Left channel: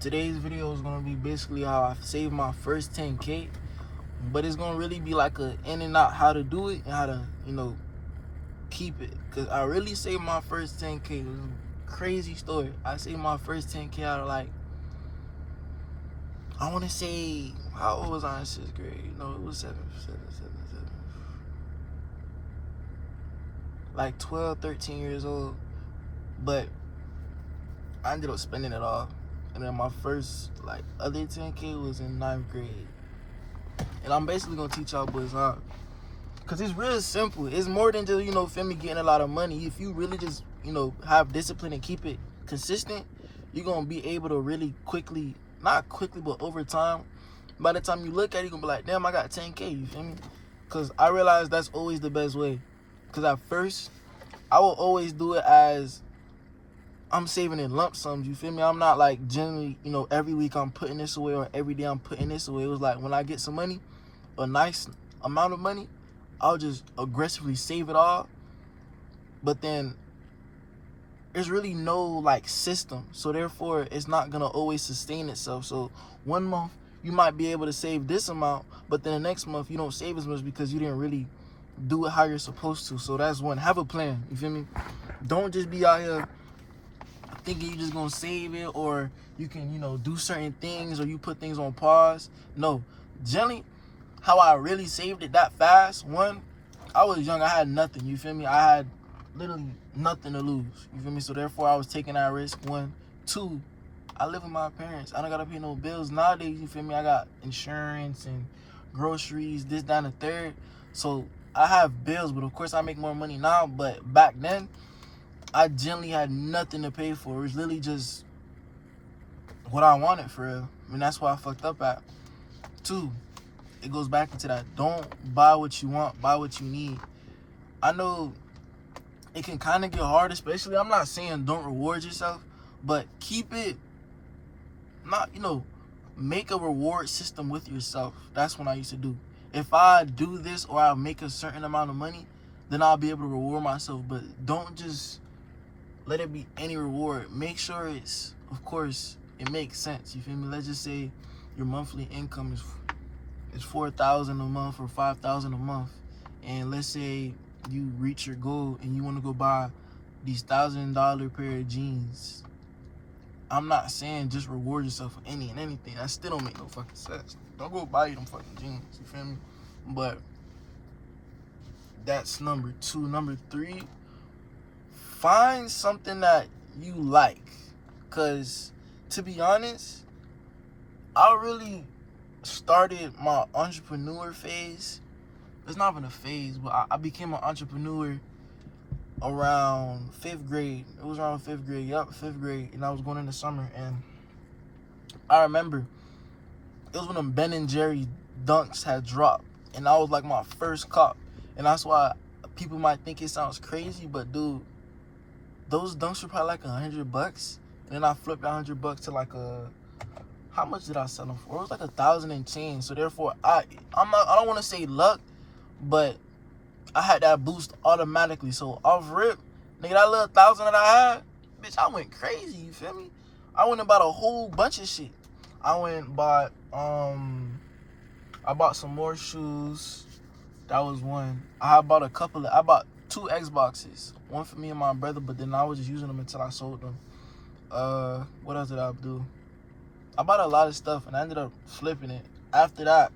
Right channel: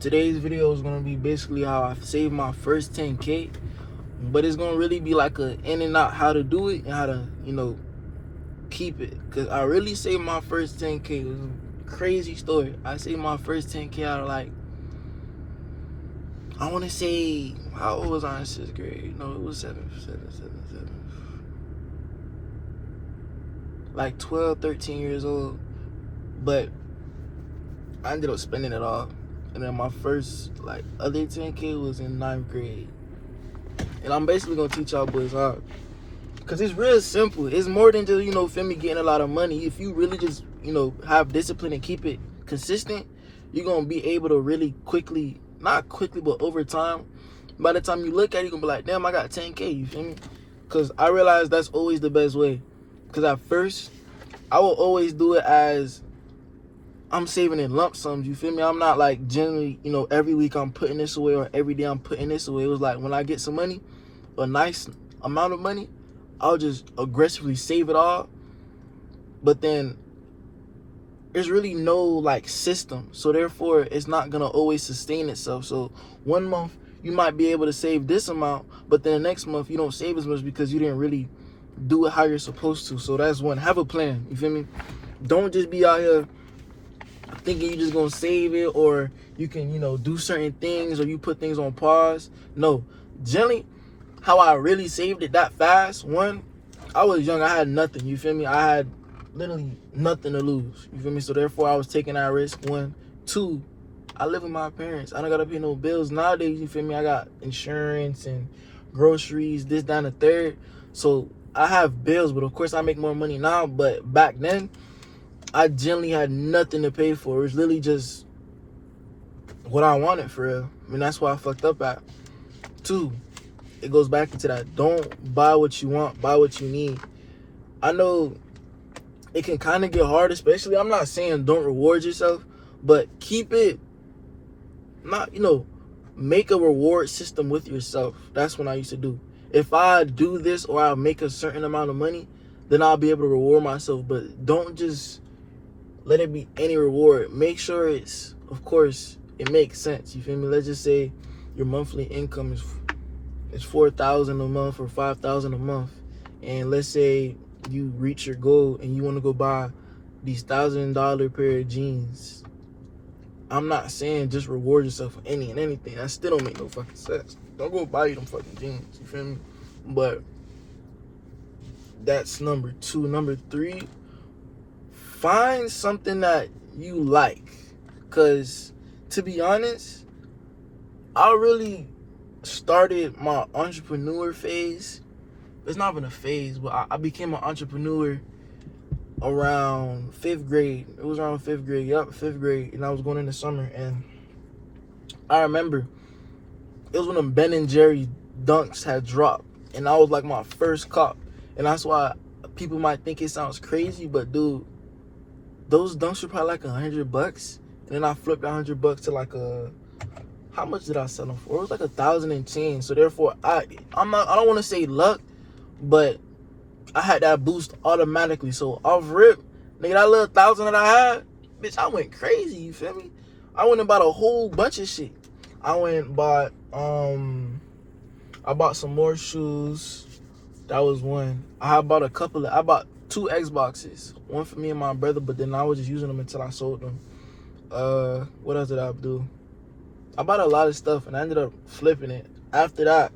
Today's video is gonna be basically how I saved my first 10K, but it's gonna really be like a in and out how to do it and how to, keep it. Cause I really saved my first 10K. It was a crazy story. I saved my first 10K out of I wanna say, how old was I in 6th grade? No, it was 7th. Like 12, 13 years old. But I ended up spending it all. And then my first other 10K was in 9th grade. And I'm basically gonna teach y'all boys how. Cause it's real simple. It's more than just, feel me, getting a lot of money. If you really just, have discipline and keep it consistent, you're gonna be able to really quickly, not quickly, but over time, by the time you look at it, you're gonna be like, damn, I got 10K, you feel me? Cause I realized that's always the best way. Cause at first, I will always do it as I'm saving in lump sums, you feel me? I'm not like generally, every week I'm putting this away or every day I'm putting this away. It was like when I get some money, a nice amount of money, I'll just aggressively save it all. But then there's really no system. So therefore it's not gonna always sustain itself. So one month you might be able to save this amount, but then the next month you don't save as much because you didn't really do it how you're supposed to. So that's one. Have a plan, you feel me? Don't just be out here thinking you're just gonna save it, or you can, do certain things, or you put things on pause. No, generally, how I really saved it that fast, one, I was young, I had nothing, you feel me? I had literally nothing to lose, you feel me? So therefore, I was taking that risk, one. Two, I live with my parents. I don't gotta pay no bills. Nowadays, you feel me? I got insurance and groceries, this, that, and the third. So I have bills, but of course, I make more money now. But back then, I generally had nothing to pay for. It was literally just what I wanted, for real. I mean, that's why I fucked up at. Two, it goes back into that. Don't buy what you want, buy what you need. I know it can kind of get hard, especially, I'm not saying don't reward yourself, but keep it, not, make a reward system with yourself. That's what I used to do. If I do this or I make a certain amount of money, then I'll be able to reward myself. But don't just let it be any reward. Make sure it's, of course, it makes sense. You feel me? Let's just say your monthly income is $4,000 a month or $5,000 a month, and let's say you reach your goal and you want to go buy these $1,000 pair of jeans. I'm not saying just reward yourself for any and anything. That still don't make no fucking sense. Don't go buy you them fucking jeans. You feel me? But that's number two. Number three, find something that you like. Because, to be honest, I really started my entrepreneur phase. It's not even a phase, but I became an entrepreneur around 5th grade. It was around 5th grade. Yup, 5th grade. And I was going into summer. And I remember it was when the Ben and Jerry dunks had dropped. And I was like my first cop. And that's why people might think it sounds crazy, but dude, those dunks were probably like $100. And then I flipped $100 to how much did I sell them for? It was like 1,000 and change. So therefore, I don't want to say luck, but I had that boost automatically. So off rip, nigga, that little 1,000 that I had, bitch, I went crazy. You feel me? I went and bought a whole bunch of shit. I went and bought I bought some more shoes. That was one. I bought two Xboxes. One for me and my brother, but then I was just using them until I sold them. What else did I do? I bought a lot of stuff and I ended up flipping it. After that,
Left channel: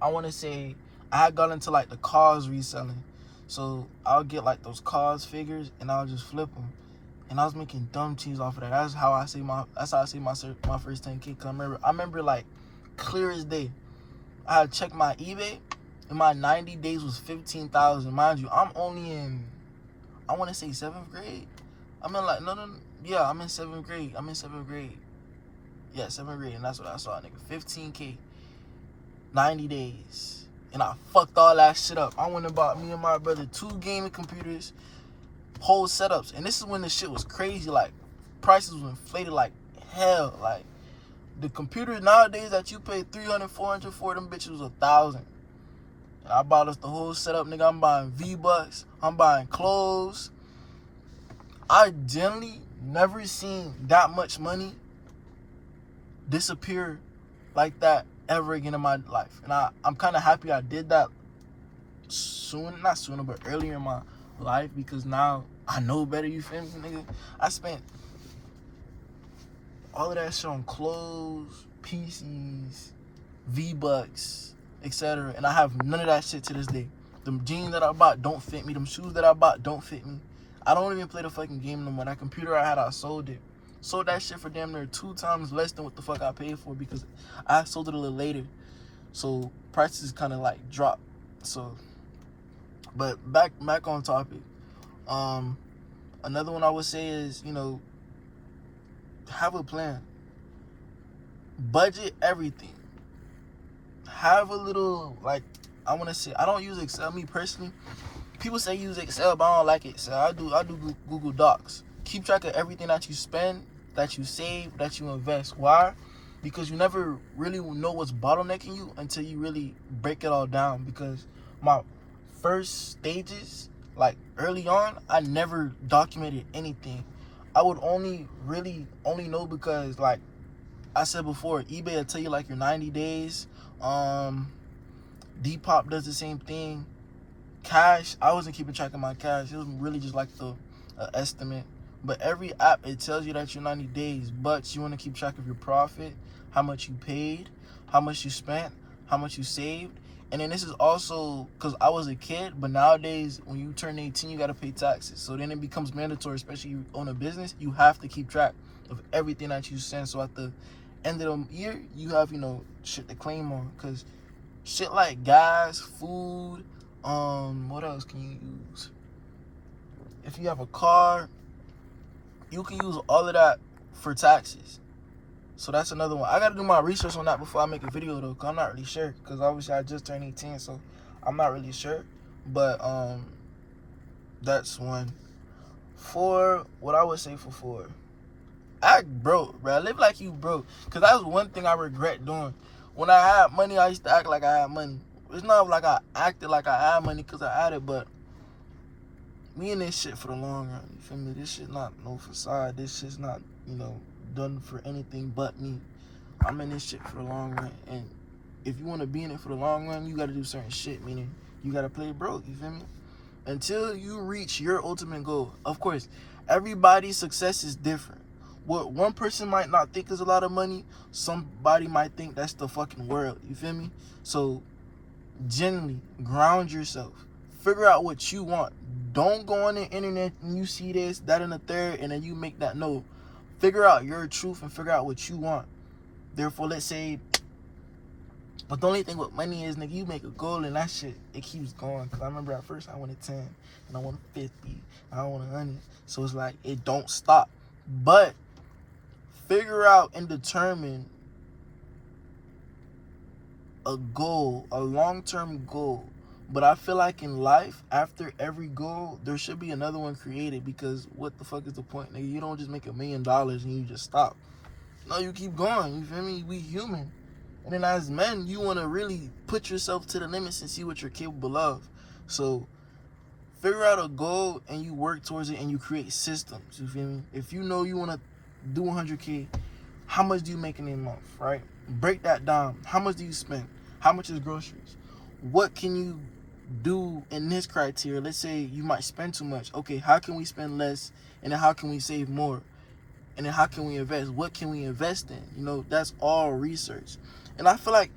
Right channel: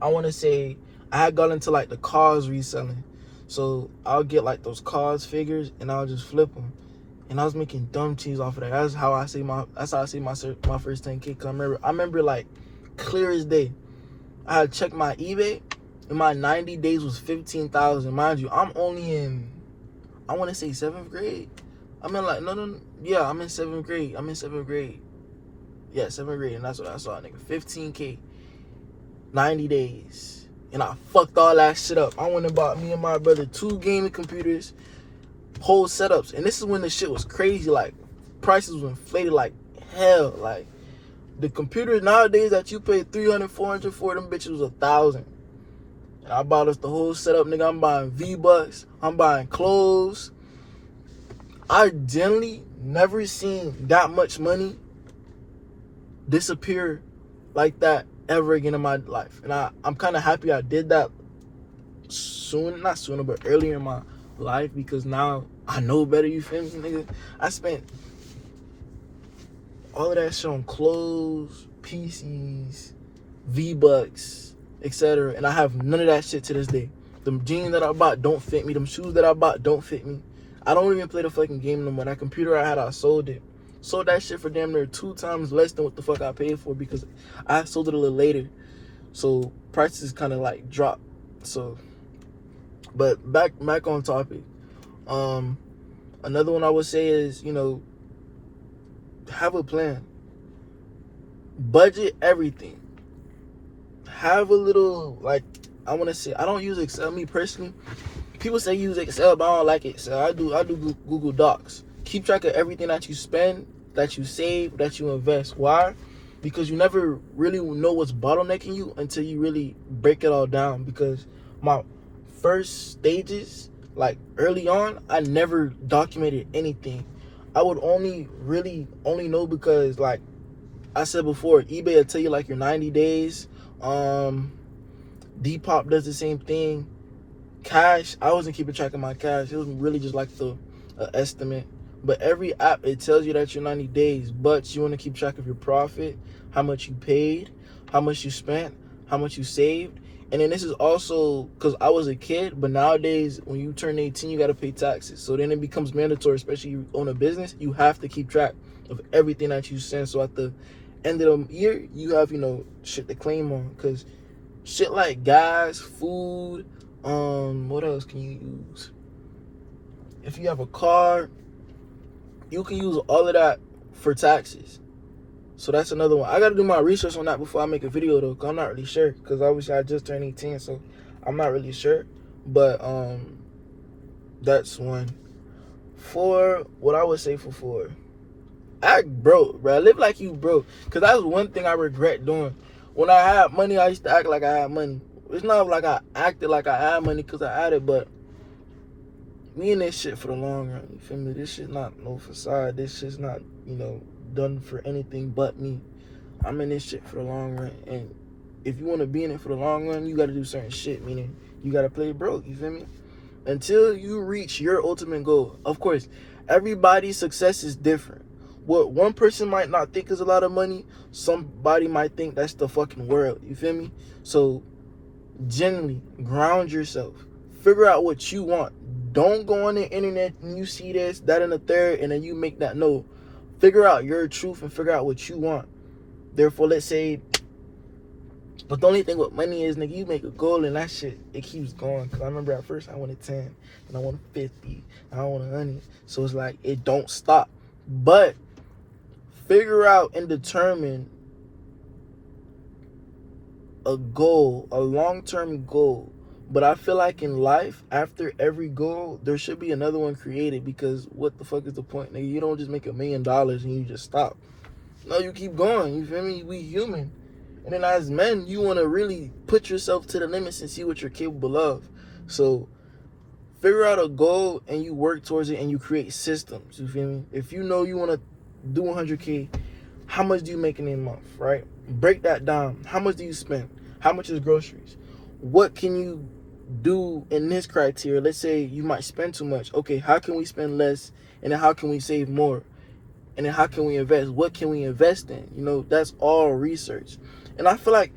I want to say I had got into the cars reselling. So I'll get those cars figures and I'll just flip them. And I was making dumb cheese off of that. That's how I see my first 10K. I remember clear as day. I had checked my eBay and my 90 days was 15,000. Mind you, I'm only in, I want to say 7th grade. I'm in I'm in 7th grade. Yeah, 7th grade, and that's what I saw, nigga. 15K, 90 days. And I fucked all that shit up. I went and bought me and my brother 2 gaming computers, whole setups. And this is when the shit was crazy. Prices was inflated like hell. The computers nowadays that you pay $300, $400 for, them bitches was 1,000. And I bought us the whole setup, nigga. I'm buying V-Bucks. I'm buying clothes. I generally never seen that much money disappear like that ever again in my life. And I'm kind of happy I did that not sooner, but earlier in my life, because now I know better, you feel me, nigga? I spent all of that shit on clothes, PCs, V-Bucks, etc. And I have none of that shit to this day. Them jeans that I bought don't fit me. Them shoes that I bought don't fit me. I don't even play the fucking game no more. That computer I had, I sold it. Sold that shit for damn near 2 times less than what the fuck I paid for, because I sold it a little later. So prices kind of like dropped. So, but back on topic. Another one I would say is, you know, have a plan. Budget everything. Have a little, like, I want to say, I don't use Excel, me personally. People say use Excel, but I don't like Excel. I do Google Docs. Keep track of everything that you spend, that you save, that you invest. Why? Because you never really know what's bottlenecking you until you really break it all down. Because my first stages, like early on, I never documented anything. I would only know because, like I said before, eBay will tell you like your 90 days. Depop does the same thing. Cash, I wasn't keeping track of my cash. It was really just like the estimate. But every app, it tells you that you're 90 days. But you want to keep track of your profit, how much you paid, how much you spent, how much you saved. And then this is also because I was a kid, but nowadays when you turn 18, you got to pay taxes. So then it becomes mandatory, especially you own a business. You have to keep track of everything that you send. So at the end of the year, you have, you know, shit to claim on. Because shit like gas, food, what else can you use? If you have a car, you can use all of that for taxes. So that's another one. I got to do my research on that before I make a video, though, because I'm not really sure. Because obviously I just turned 18, so I'm not really sure. But that's one. What I would say for 4, act broke, bro. Live like you broke. Because that's one thing I regret doing. When I had money, I used to act like I had money. It's not like I acted like I had money because I had it, but we in this shit for the long run. You feel me? This shit not no facade. This shit's not, you know, done for anything but me. I'm in this shit for the long run. And if you want to be in it for the long run, you got to do certain shit, meaning you got to play broke. You feel me? Until you reach your ultimate goal. Of course, everybody's success is different. What one person might not think is a lot of money, somebody might think that's the fucking world. You feel me? So, generally, ground yourself. Figure out what you want. Don't go on the internet and you see this, that, and the third, and then you make that. No. Figure out your truth and figure out what you want. Therefore, let's say, but the only thing with money is, nigga, you make a goal and that shit, it keeps going. Because I remember at first I wanted 10, and I wanted 50, I wanted 100. So it's like, it don't stop. But figure out and determine a goal, a long-term goal. But I feel like in life, after every goal, there should be another one created, because what the fuck is the point, nigga? You don't just make $1 million and you just stop. No, you keep going, you feel me? We human. And then as men, you want to really put yourself to the limits and see what you're capable of. So figure out a goal and you work towards it and you create systems, you feel me? If you know you want to do 100K, how much do you make in a month, right? Break that down. How much do you spend? How much is groceries? What can you do in this criteria? Let's say you might spend too much. Okay, how can we spend less? And then how can we save more? And then how can we invest? What can we invest in? You know, that's all research. And I feel like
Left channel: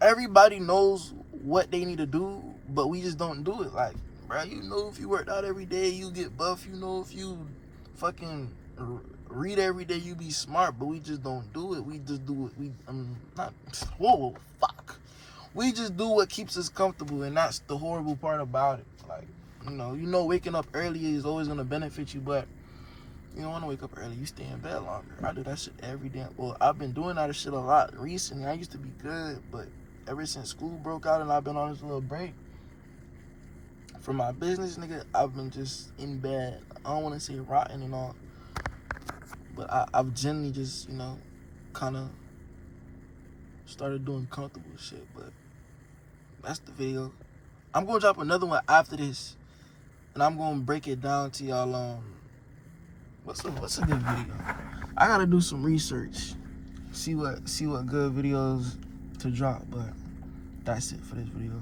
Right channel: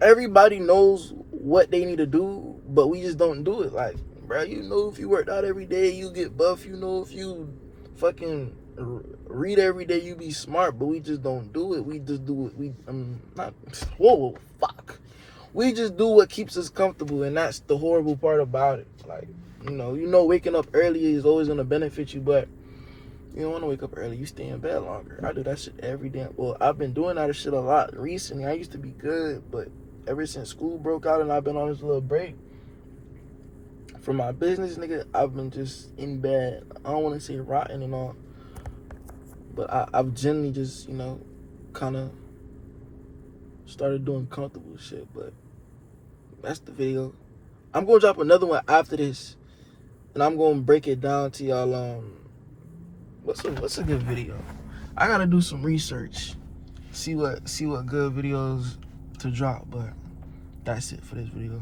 everybody knows what they need to do, but we just don't do it. Like, bro, you know, if you worked out every day, you get buff. You know, if you fucking read every day, you be smart. But we just don't do it. We just do it. We just do what keeps us comfortable, and that's the horrible part about it. Like, you know, waking up early is always gonna benefit you, but you don't want to wake up early. You stay in bed longer. I do that shit every day. Well, I've been doing that shit a lot recently. I used to be good, but ever since school broke out and I've been on this little break from my business, nigga, I've been just in bed. I don't want to say rotten and all, but I've generally just, you know, kind of started doing comfortable shit. But that's the video. I'm gonna drop another one after this, and I'm gonna break it down to y'all. What's a good video? I gotta do some research. see what good videos to drop. But that's it for this video.